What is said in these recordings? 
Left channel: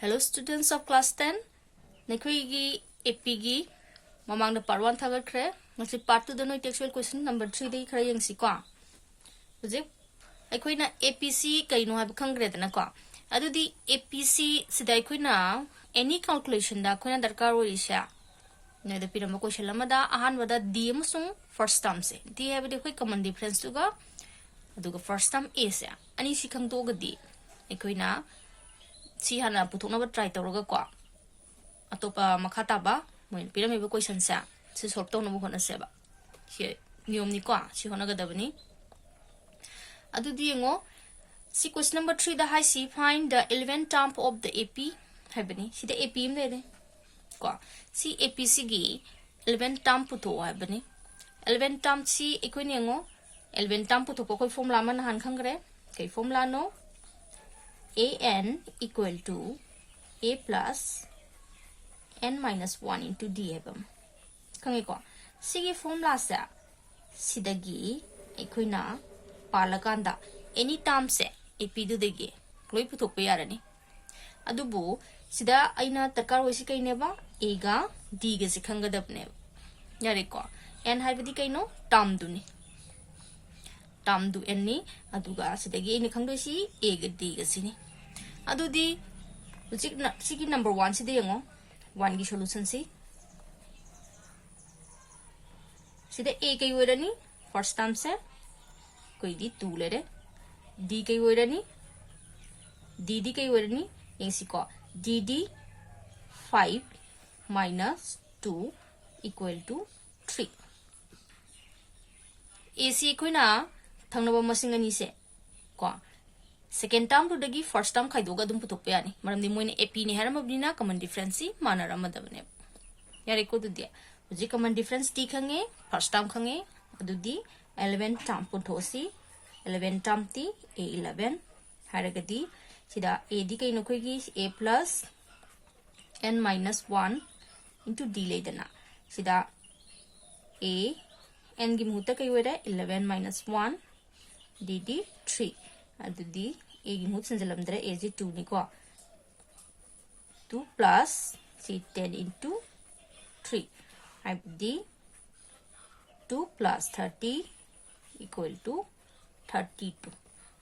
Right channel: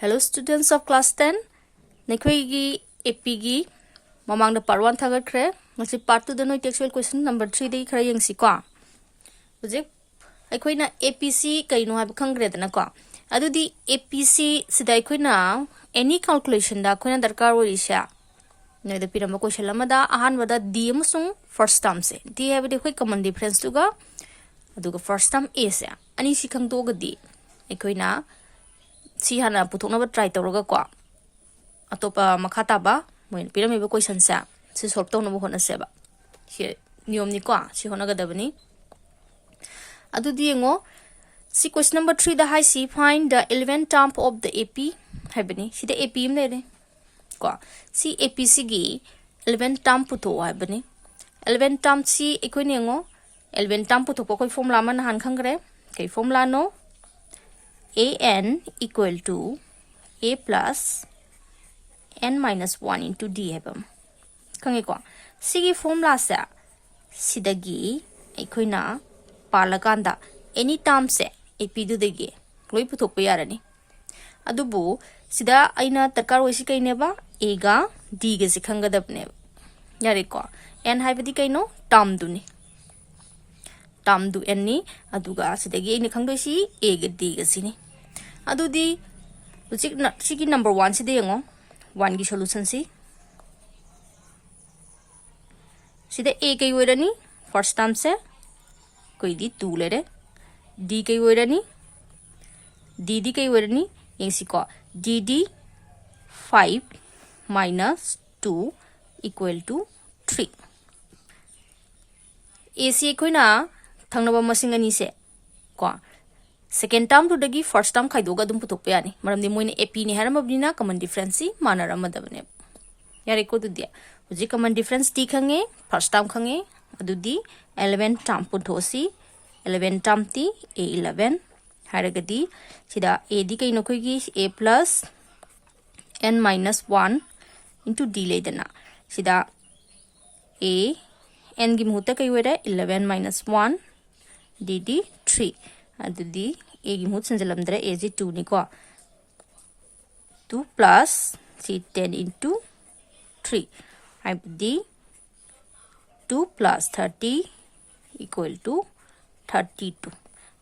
Hello students of class 10. Nakhoi AP gi mamang da part 1 thagat khre ngasi part 2 da noi textual question number 3 dei khra yang si kwa bujik akhoi na APC kaino ha khangre da na kwa adu di APC sidai khoi na any calculation da khoi na darkar ori sha noi da piram question lama da ahan wada d amusung first term se d ha bi khoi common difference tu ga adu ga first term a se ani si khang do ga di akhoi na si hana puthok na ba try tawraga kwa atopa makhata ba moi piram ba question sa si solve taw na bo hona se ba si niyom ni kwa si hona ga dabani adu di ngo si question number 3 da high si find the 11th term of the AP habani si the AP im ne kwa si APC gi 11th term putho habani 11th term si ekoi ne ngo 11th term putho ko koi formula man han khangre kai formula no an equal to a plus n minus 1 into d hebam kange ko sigi formula sa sidagi aikoina parlakanda any term se ap du degi loi puthok pa yarani adubu sida aina takar wesi kaine ba a ga d ga sikhangadapne yare ko n haibadi kaino term du ni term du n ni aduga sidagi ni khangdoi si a ga d ga sini adudi sigi number 1 sidi ngo 1 की solution si sida a kai werani first term se koi di 2 le re d kai werani dd kai werani esi ko dd 5 minus 2 equal to 3 ac koi na thangnaba masing ani se ko second term to dagi first term khai doga dum puthok pe ani maram di moine ap ni haram abdina common difference si manara madabne yare ko du dia uji common difference t khange first term khange adu di 11 term puthosi 11 term ti a11 haragadi sida a di kai no khoi gi a plus n minus 1 into d ledana sida a n gi muhutta kai wera 11 minus 1 dd 3 adudi a gi mut sanjalamdre a is 2 ni ko 2 plus c 10 into 3 abdi 2 plus 30 equal to 32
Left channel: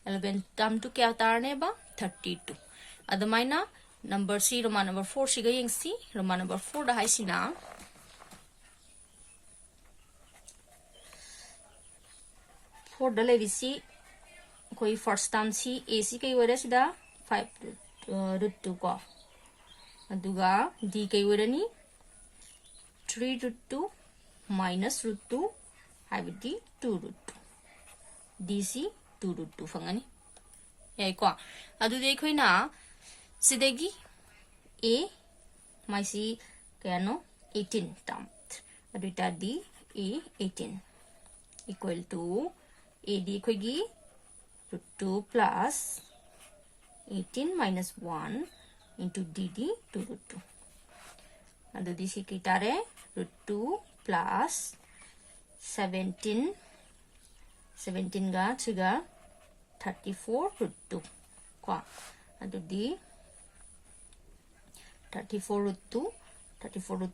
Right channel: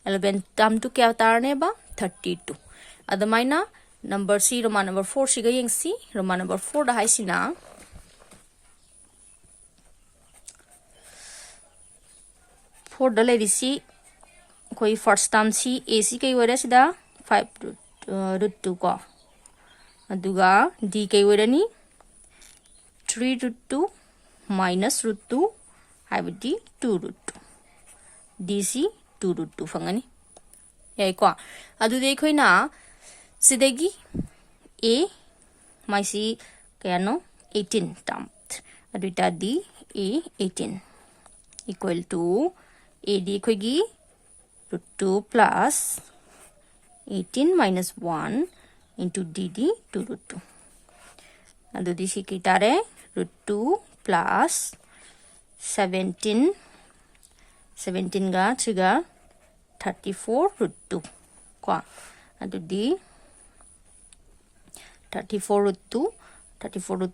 11 term to kya utarne ba 32 adamaina number c roman number 4 siga yeng c roman number 4 da hai sina 4 da le si कोई first term सी ac कई वरे सिदा 5 root 2 को अदुगा d कई वरनी 3 root 2 minus root 2 हाइबदी 2 root 2 dc 2 root 2 फंगनी ये को अदु देखो ना सिदेगी a माइसी क्या no 18 term अदुटा d a 18 equal to a d कोई root 2 plus 18 minus 1 into dd 2 root 2. Adu di si kitare root 2 plus 17 ga 3 ga 34 root 2. Kwa adu di 34 root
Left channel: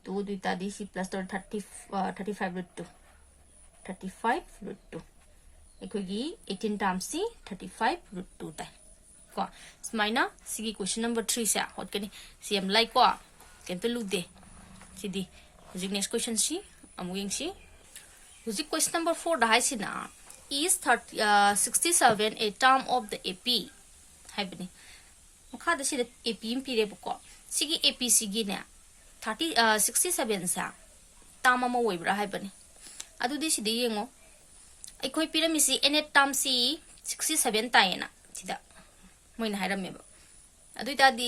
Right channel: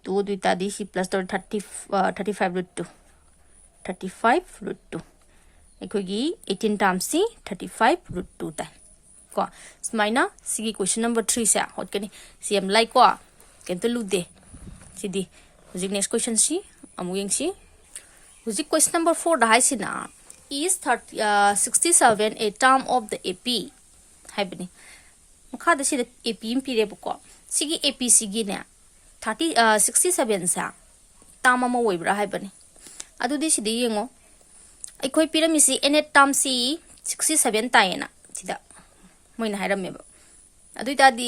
2 duita di si plus 35 root 2. 35 root 2. एकोगी 18 times सी 35 root 2 ता को स्माइना सिगी question number 3 से हट के C am like को केम तो लुदे सिदी हुजिक next question सी अमुयेंग सी हुजिक question number 4 दा हाइसिना is 67 a term of the AP हाइबनी मखा द सी द AP इम पीरे बको सिगी AP सिगी ने 67 सा term अमा ओइब्रा हाइबनी अदु दि सिदी येंगो अखोई पिरामिसी एन टर्म सी 67 तायना सिदा मोइना हाइरमेबा अदुइतादी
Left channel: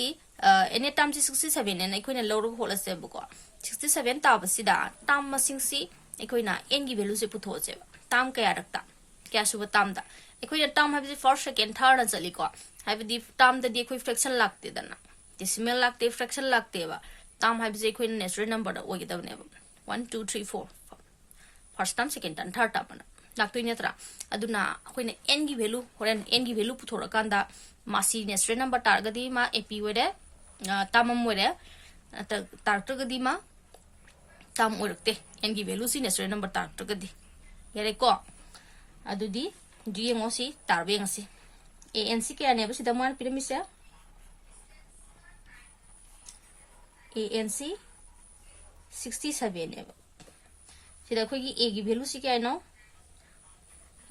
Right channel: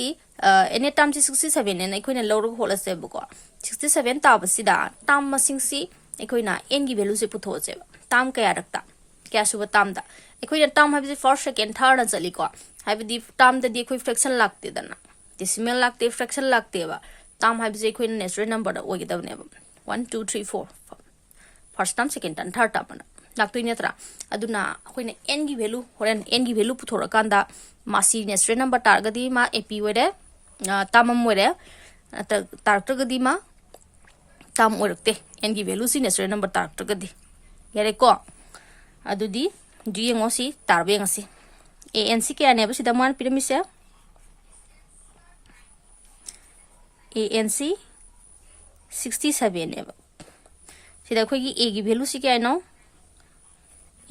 एन टर्म सी 67 ने अखोइना लौरग होलसे बको 67 ताबसिदा टर्म मसिंग सी अखोइना एन गी वैल्यू से पुथोसे टर्म कया रखता क्या सुबह टर्म दा अखोइना टर्म हाबिसि फर्स्ट सेकंड थर्ड न चली को हाबिदि टर्म दा दि अखोइ फ्रैक्शन लागते दना डेसिमल लागते फ्रैक्शन लागते बा टर्म हाबिसि अखोइना नेचुरल नंबर दा ओइगदबनेबा 1 2 3 4 first term second term third term लाक्तोइ नत्रा अदुना अखोइना n की वैल्यू होरेन n की वैल्यू पुथोरकांदा मासी नेचुरल नंबर टारगदी मा ap वरे tamam moire taragtagadi ma tam oirakte n gi value si natural number taragtagadi yare ko adudi du yengo si tarbe ngasi an si kya ne ba sida man piramisa ANC 67 है सिदा खोगी A की value सी क्या है no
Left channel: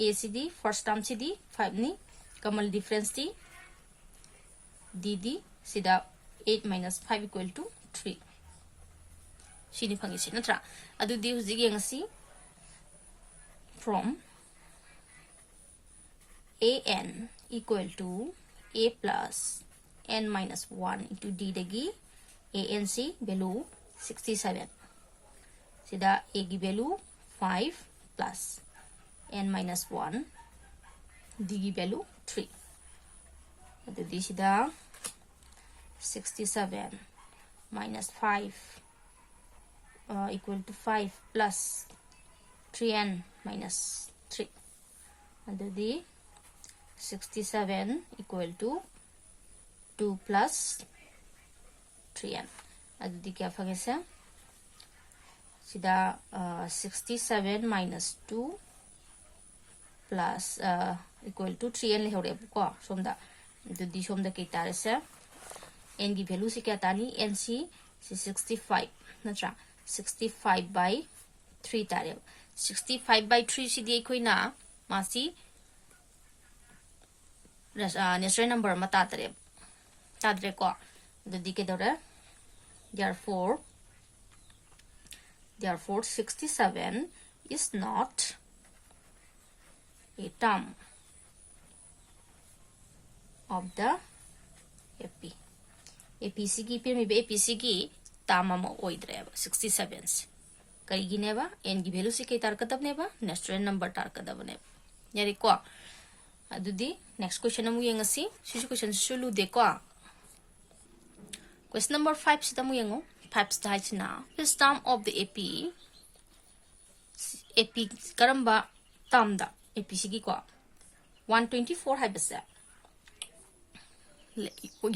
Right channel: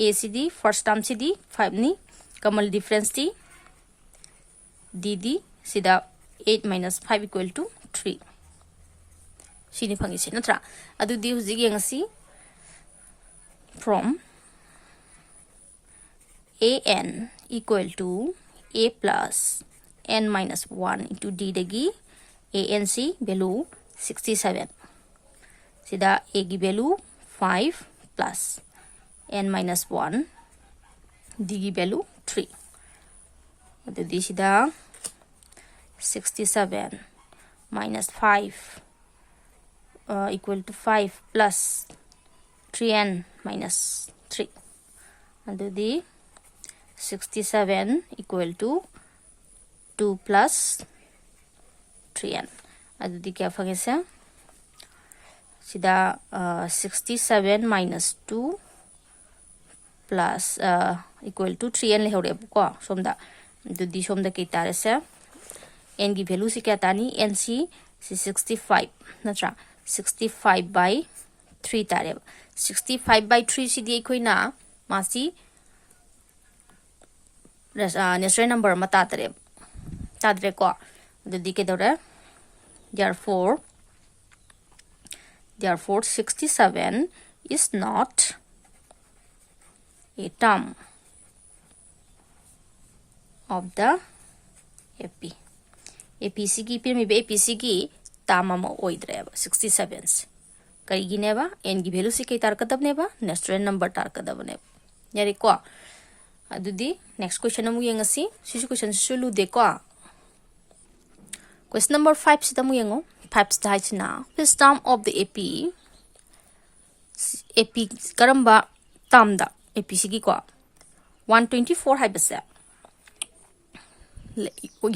A सी दी first term सी दी 5 नी कमल डिफरेंस दी D दी सिदा 8 minus 5 equal to 3 सिनी फंगी सी नत्रा अदु दी हुजी गेंगसी from AN equal to A plus N minus 1 into D degi ANC value 67 sida A की value 5 plus N minus 1 D की value 3 तो दी sida 67 minus 5 equal to 5 plus 3N minus 3 तो दी 67 equal to 2 plus 3N adudi kya fangese sida 67 minus 2 plus equal to 3N le hore ko somda adudi somda ke tarese n ki value si kya tani n si 65 natra 65 by 3 tare 65 by 3 si di koina masi natural number mata tare ko adudi ke dore therefore 67 is not a term of the APC की फिर में APC की term ama oidre 67 कई नेबा n की value से कई तार कदब नेबा natural number तार कदब ने यारी को अदुदी next question अमु यंगसी सिसु question सुलु दे को question number 5 sida mu yengo 5 stage na first term of the AP karamba term da AP sigi ko 124 hai basa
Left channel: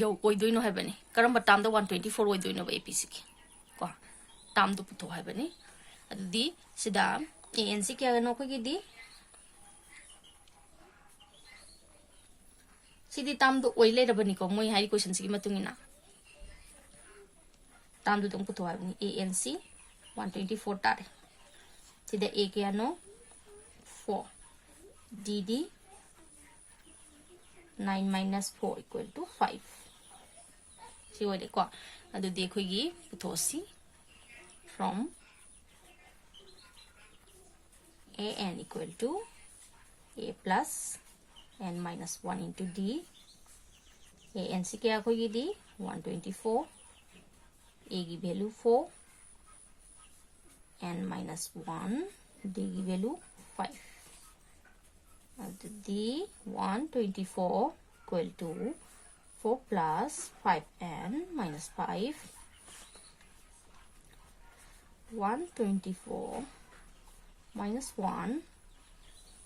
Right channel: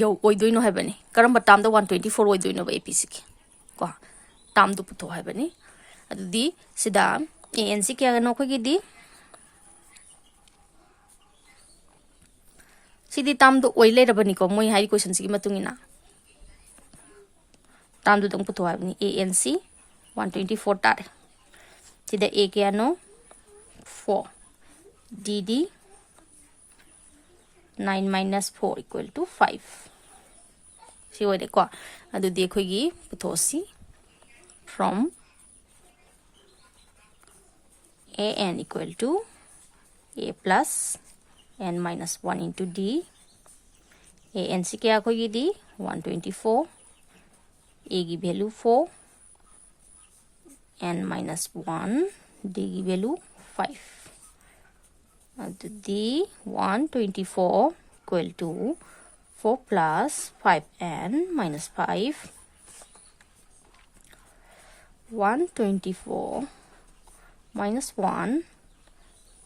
yo oidoino hai bani karamba term da 124 oidoino ba AP sigi ko term du puto hai bani adudi sida ANC kya gano ko gidi sidi term du oile rabani ko moi hai question sigi matungina term du dong puto hai bani ANC 124 tare sida A kya no 4 DD 9 minus 4 equal to 5 si oide ko adu dekho gi putosi from AN equal to A plus N minus 1 into D AN si kya ko gi di 124 A की value 4 N minus 1 D की value 5 D 124 equal to 4 plus 5N minus 5 124 minus 1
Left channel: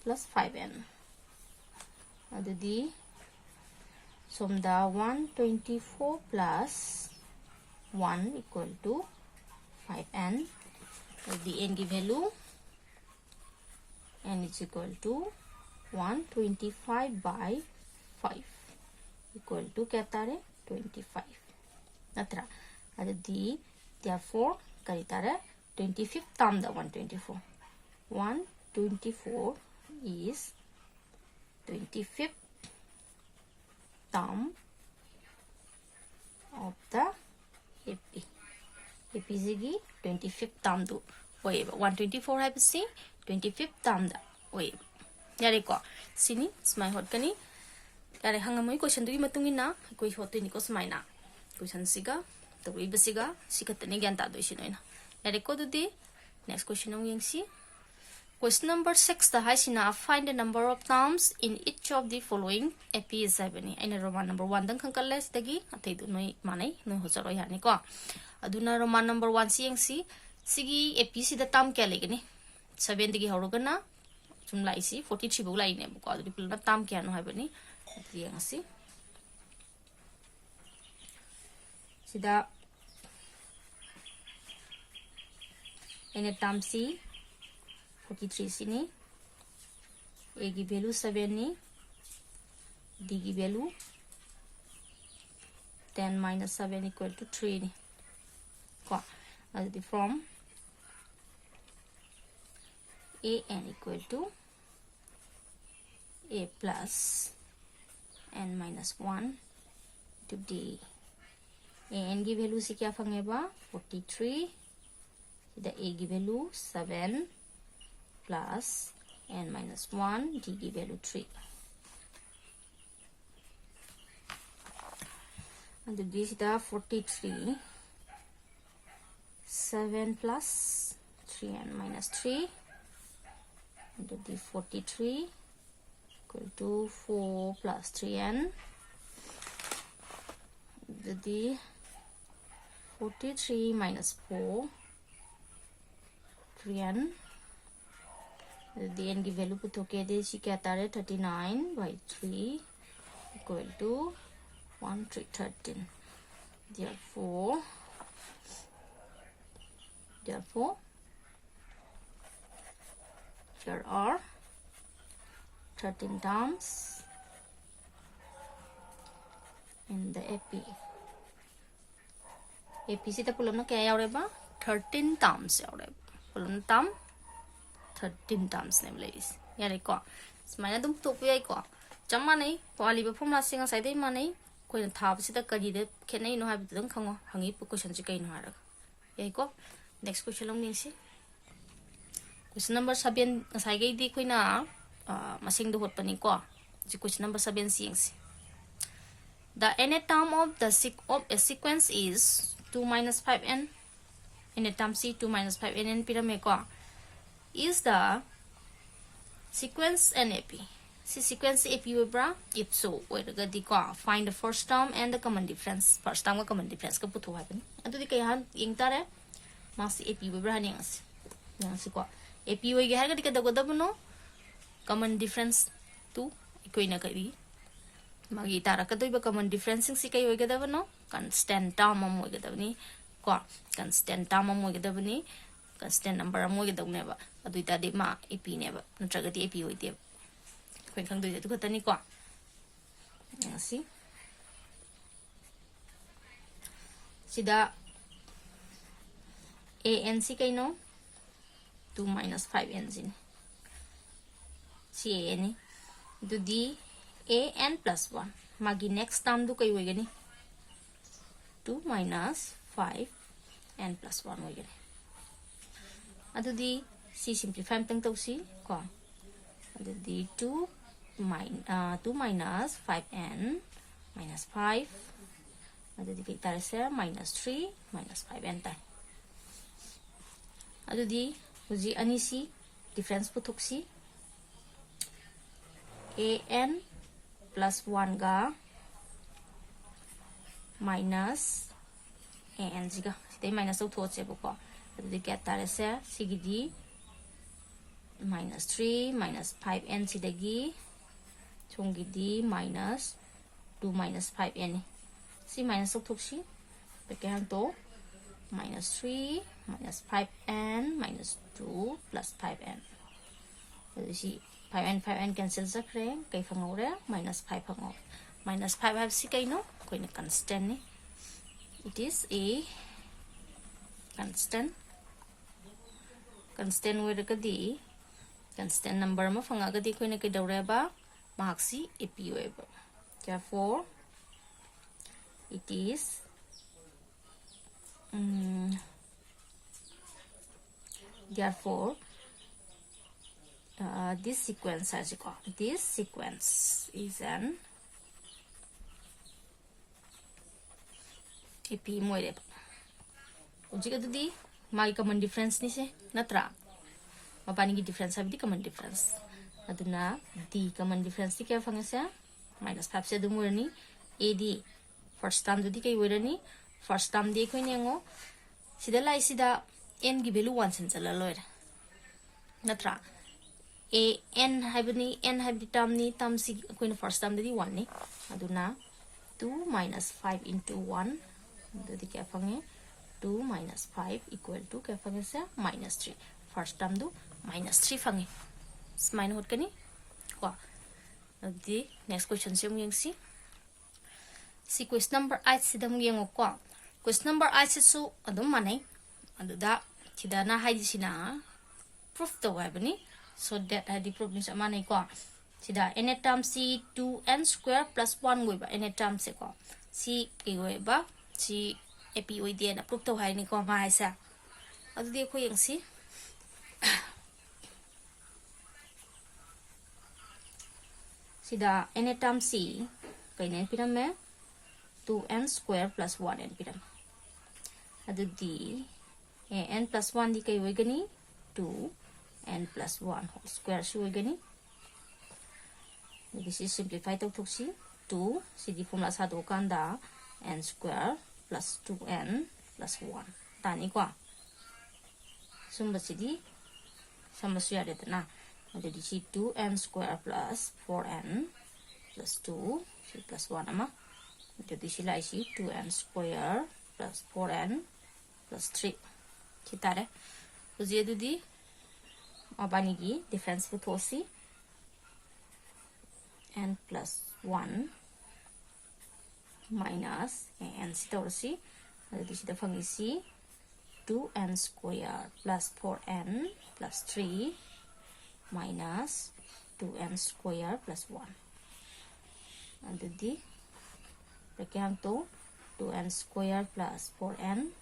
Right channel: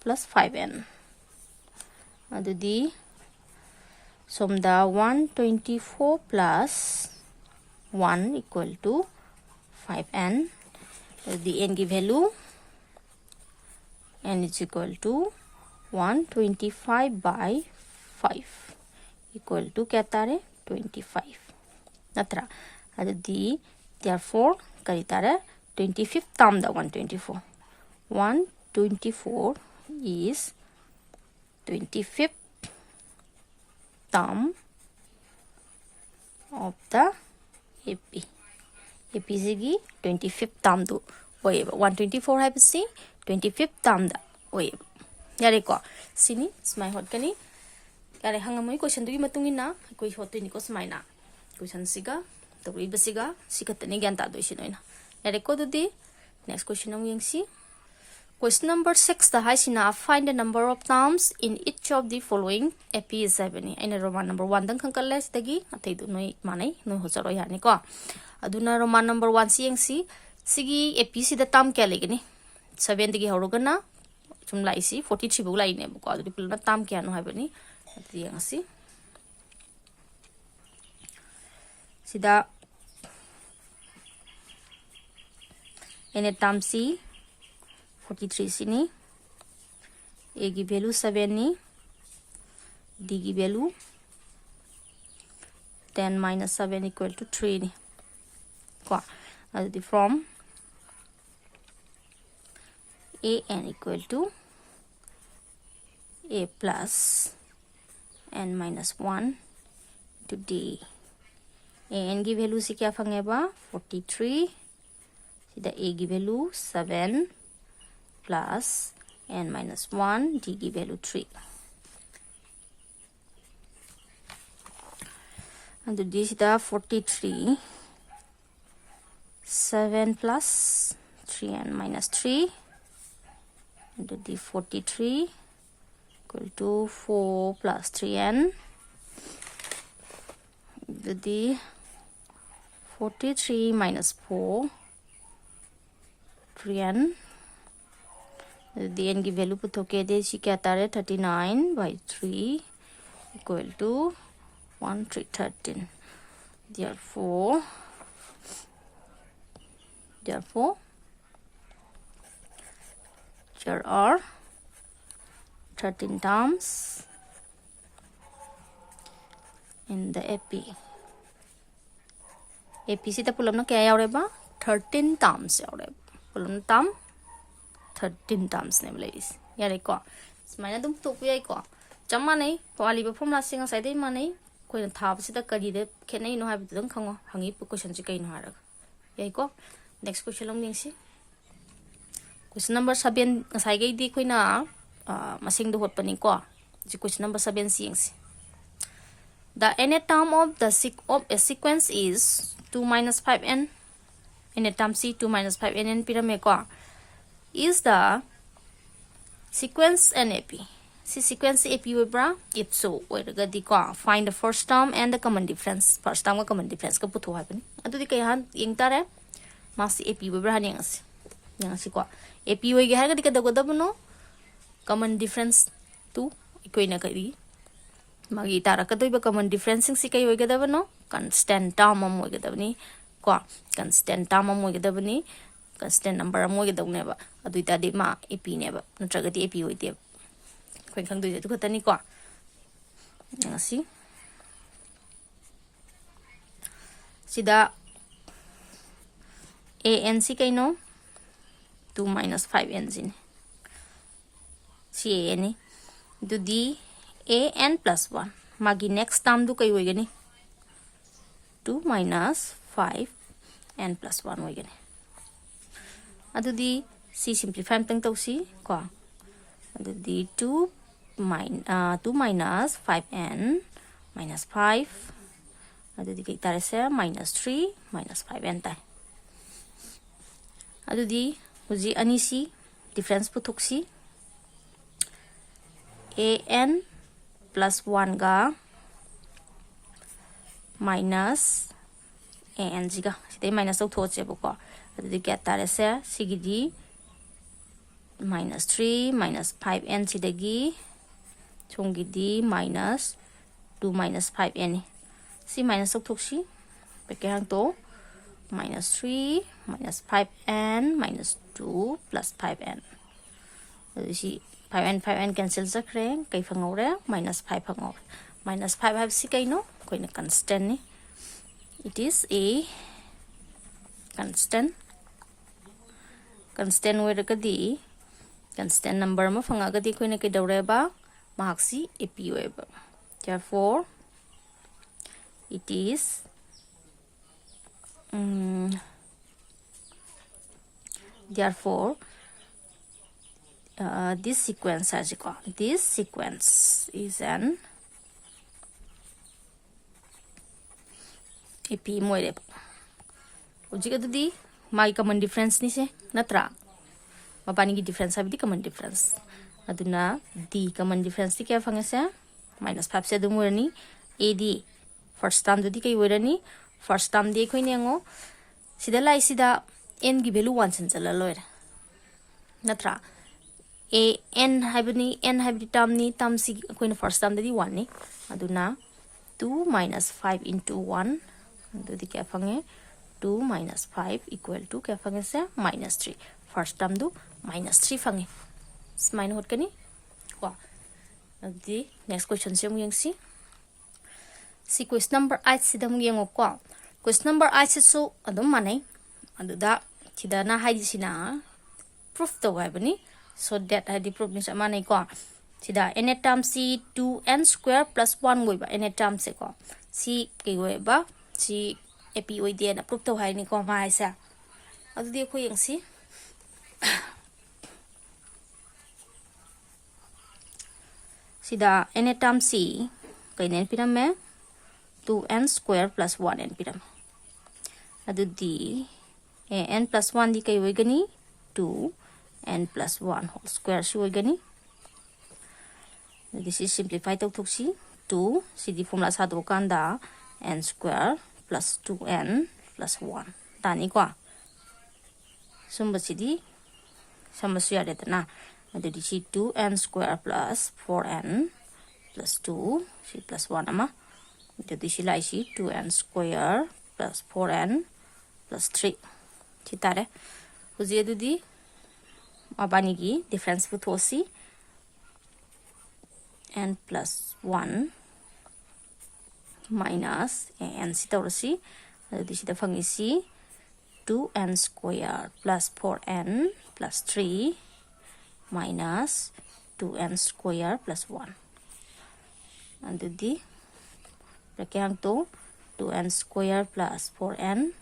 plus 5N adudi somda 124 plus 1 equal to 5N the n की value n is equal to 125 by 5 equal to क्या तारे 25 नत्रा adudi therefore करी तारे 25th term da 124 is 25th term of the AP sigi 25th term du oye 124 hai bisi 25th term da oye yare ko sini smai hot kani kare hangamoi question du gi matungi na koi hot ni ko smai na question siga to wi basiga sikatne gyan ta do sinoi na yare ko du di next question ang yengsi question number 6 da hai sina find the number of terms in each of the following AP is 7 aina roman number 1 dang khangkal les dagi athai du noi manai noi ho charo yani ko aduna roman number 1 si yengsi sigi AP si da term kya legani 7 dagi horogana chum lai si 43 bu lai ne ko adu pulna term kya no hai bani yengsi sida n term c 43 sini a की value 7 ni d की value 10 minus 7 equal to 3 ni ko adi from a n equal to a plus n minus 1 to d a n की value से क्या फंगेगा 43 सीधा a की value 7 plus n minus 1 d की value 3 and this is the 43 7 plus 3n minus 3 and the 43 equal to 4 plus 3n the 43 minus 4 3n the n की value put होके दे सी क्या आता है 39 by 3 equal to 1313 therefore there are 13 terms in the AP से तो पुलम ना क्या यार है बा 13 terms यार है पुलम term 13 terms ने बोले इस यार एक को इसमें तुम तो कोई एक को जमा नहीं पाली बफम लासिंग आ साइड में नहीं कोई ना था बस इधर करी दे क्या नहीं नो है बितंग खाओ हंगी क्वेश्चन से कहीं नो है यार को नेक्स्ट क्वेश्चन लंग मिंग सी क्वेश्चन नंबर 7 साइड गई दी कोई ना मसिंग दो होत पनी को जी क्वेश्चन नंबर 7 सी the nth term of a sequence is 2 minus 5n nth term c 2 minus 5n pyramid ko is the sequence NAP si sequence AP we bra if so we ga di ko find the first term and the common difference first term ka common difference ka putho happen adu di kay han yeng tare ma si AP we bra han yang si ko AP we ga ga di ka da no common difference tu ikoi na kari magi tara ka doiba common difference si kai we ga da no constant term mo we ga da ni ko constant term mo we ga da ni constant number mo we ga da ne ba adu ta de ma AP ne ba natra ga di AP we de ko khang du tu khata ni ko si sida an si kai no 2 minus 5n sin si an ni du di an plus 1 magi next term du kai hoy gani 2 minus 5n plus 1 hoy gani adu di si simplify tang tau si ko adu di 2 minus 5n minus 5 adu di kai tare se minus 3 minus 5n tai adu di huji ani si difference puthok si an plus 1 ga minus an jiga sidai minus to thoche bako adu kya tare se sigidi minus 3 minus 5n sidagi chongidi minus 2 minus 5n si minus to thoksi bekang to minus 3 minus 5n minus 2 plus 5n adu si 5n cancel sakre kai phangore minus 5 phangore minus 5 have si kai no koi na constant ni it is a constant we ka di constant number ma phanga ga di koi na kai daure ba mahak si AP we ba therefore it is this sequence is an AP moire ujiga di mai common difference ni se natra mapani ki difference abi common difference aduna d common difference ti kya phangase minus 5 se dum werni ad first term di kai werani first term di khoi nengo sida lai sida n gi value 1 sin chala loira natra a n habni term ni term si khoi na first term di 1 ni aduna 2 minus 5 into 1 अदुदी क्या fungi 2 minus 5 equal to क्या fungi से minus 3 first term दो minus 3 fungi स्माइन होत कनी को अदुदी next question से हम यंगसी सी question number 8 सिदम यंगो को क्वेश्चन नंबर 8 सिसु अदुम मानै अदुदा सिदाना हाइदिसिना प्रूफ तो हाइबनी so that हाइदि प्रूफ नि मानै को सिदा n टर्म सी 2n square plus 1 गोइबा n term से को सी के गोइबा सी एपी ओइदे ना प्रूफ तो हाइनि को मा हाइसा अदुदी अखो यंगसी सिदा n टर्म सी कइनेन पिरम में 2n square plus 1n पिरम अदुदी n plus 1 दी कई होइगनी 2n plus 1 whole square सु होइगनी this is simplify तो थुक्सी 2 सिदी फॉर्मूला सादो कांदा n square plus 2n plus 1 तानी को सुंब सिदी समस्या यादेतना अदुदी सी 2n square plus 4n plus 2 सी plus 1 अमा jadi sila isi 2n square plus 4n plus 3 kita deh uji itu di apa nih difference putusi n plus 1 minus n sita ursi jadi sita fangisi 2n square plus 4n plus 3 minus 2n square plus 1 jadi Berkirang tu 2n square plus 4n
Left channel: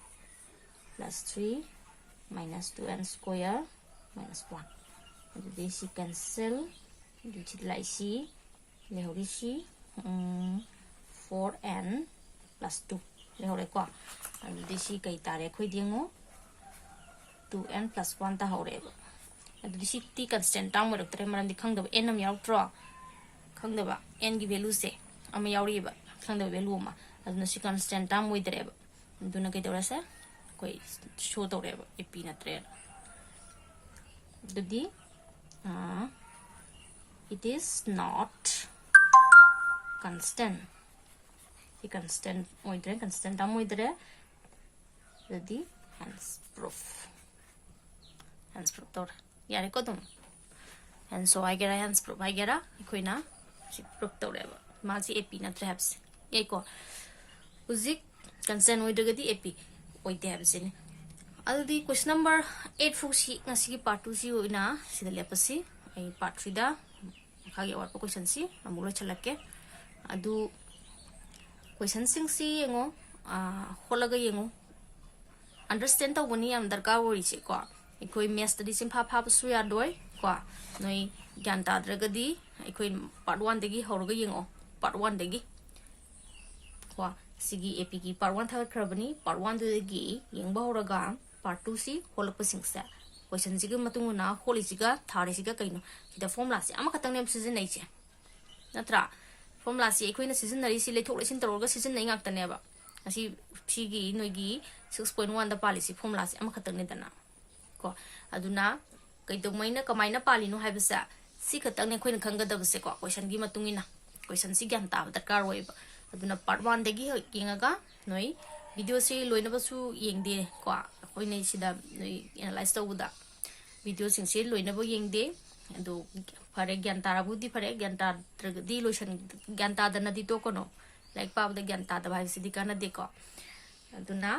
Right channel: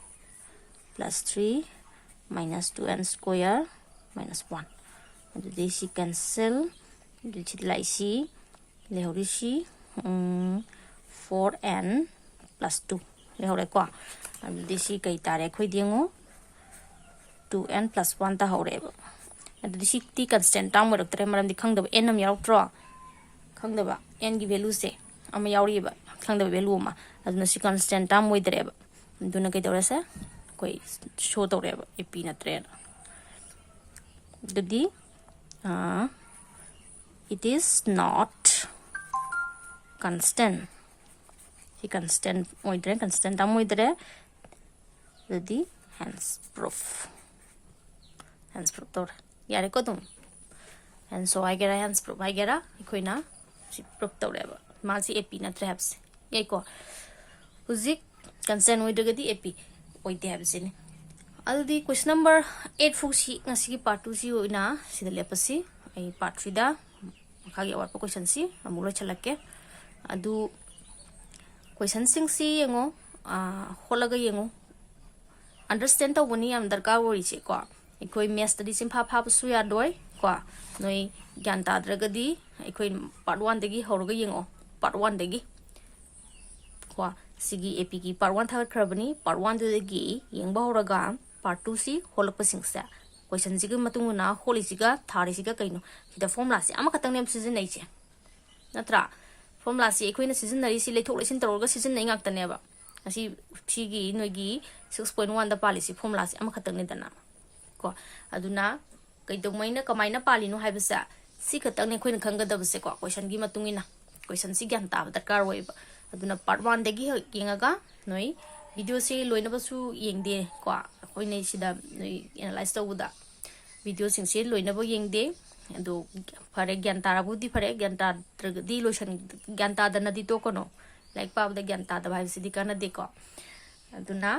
plus 3 minus 2n square minus 1. Jadi si cancel. Jadi lai si lehori si 4n plus 2. Lehori ko. Jadi si kay tare ko diengo 2n plus 1 ta hore. Jadi si t constant tang mo dokter maram di khang da n am yaw tro. Khang da ba n gi value se am yawri ba. खंगद value मा अदुना सी constant time मोइदरेब दुना के दौरसे कोई शो तौरेब AP नत्रे ददी it is not constant सी constant मोइदरे constant टाइम मोइदरे ददी hence proof तौर यारे को तुम and so I get a hence proof I get a इकोइना C proof तौरेब मासी एपी नत्रे हैब्स को हुजिक कंसेंट होइदगदी एपी ओइदे हाबसिने अलदी क्वेश्चन नंबर 8 फुसी ngasi पार्ट 2 सी ओइना सिदा लेपसी आई पार्ट 3 दा खागे वाट क्वेश्चन सी अमुलो छलके अदु क्वेश्चन सिंग सी यंगो होलगा यंगो अंडरस्टैंड तो बनी अंदर का वरी से को एकोइ मैथ्स तदी सिंफा फाबसु या दोय को नोइ ज्ञान ताद्रगदी एकोइ पार्ट 1 दगी होरगा यंगो पार्ट 1 दगी को सिगी एपी की part 1 third Kharbani part 1 दगी यंगबा होरगा part 2 सी होलप सिंगसा क्वेश्चन सिगा मतुंगना होलिसिगा थारिसिगा कइनो किदा फॉर्मुला से अमा खतंग नेम सीजन नै छे नत्रा फॉर्मुला से एकोइना सीजन नरि सि लेथोक लेसिन तरोगा सीजन नै ngaktaनेबा असि सिगी नोगी 6.1 दा पालिसि फॉर्मुला से अमा खतंग ने दना को अदुना कइदोमैना कमाइना पालिनो हाइबसा सि खतंग ने खोइन खंगदबसे को क्वेश्चन की मतुंगिना क्वेश्चन सि ज्ञान ताब दरकार होइबा अदुना पार्ट 1 दगी यंगागा नोई वीडियो से लोइनबसु यंगदे को होइने सिदा नोई एनालाइज तौबुदा वीडियो सिंसे लोइनबो यंगदे अदु फरे ज्ञान ताराबुदी फरे ज्ञान ताद्रगदी लोशन ज्ञान तादनदी तो कोनो लाइक पाबदा ज्ञान तादबा हाइसिदि काना देखो अदुना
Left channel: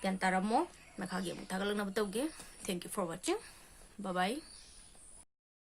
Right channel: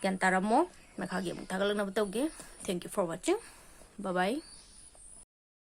ज्ञान तारामो मखागे मुतागलनब तौगे thank you for watching bye bye